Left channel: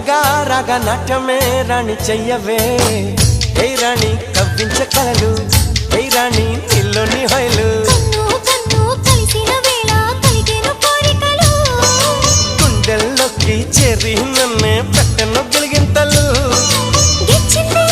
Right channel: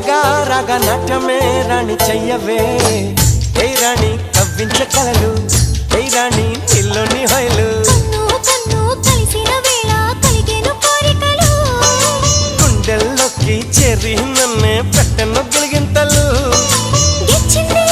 మెల్లగా రాగా నాట్యమే రాణి చెయ్యవే ఏ రాణి కవ్వించ కలలు ఏ రాణి నీలోని హొయలు కన్ను కన్ను కలిసిన వేళ కలిగేను కోరికలు గుండెల్లోకి చేరి నన్నే పెట్టను గిలిగింతలు గిచ్చింది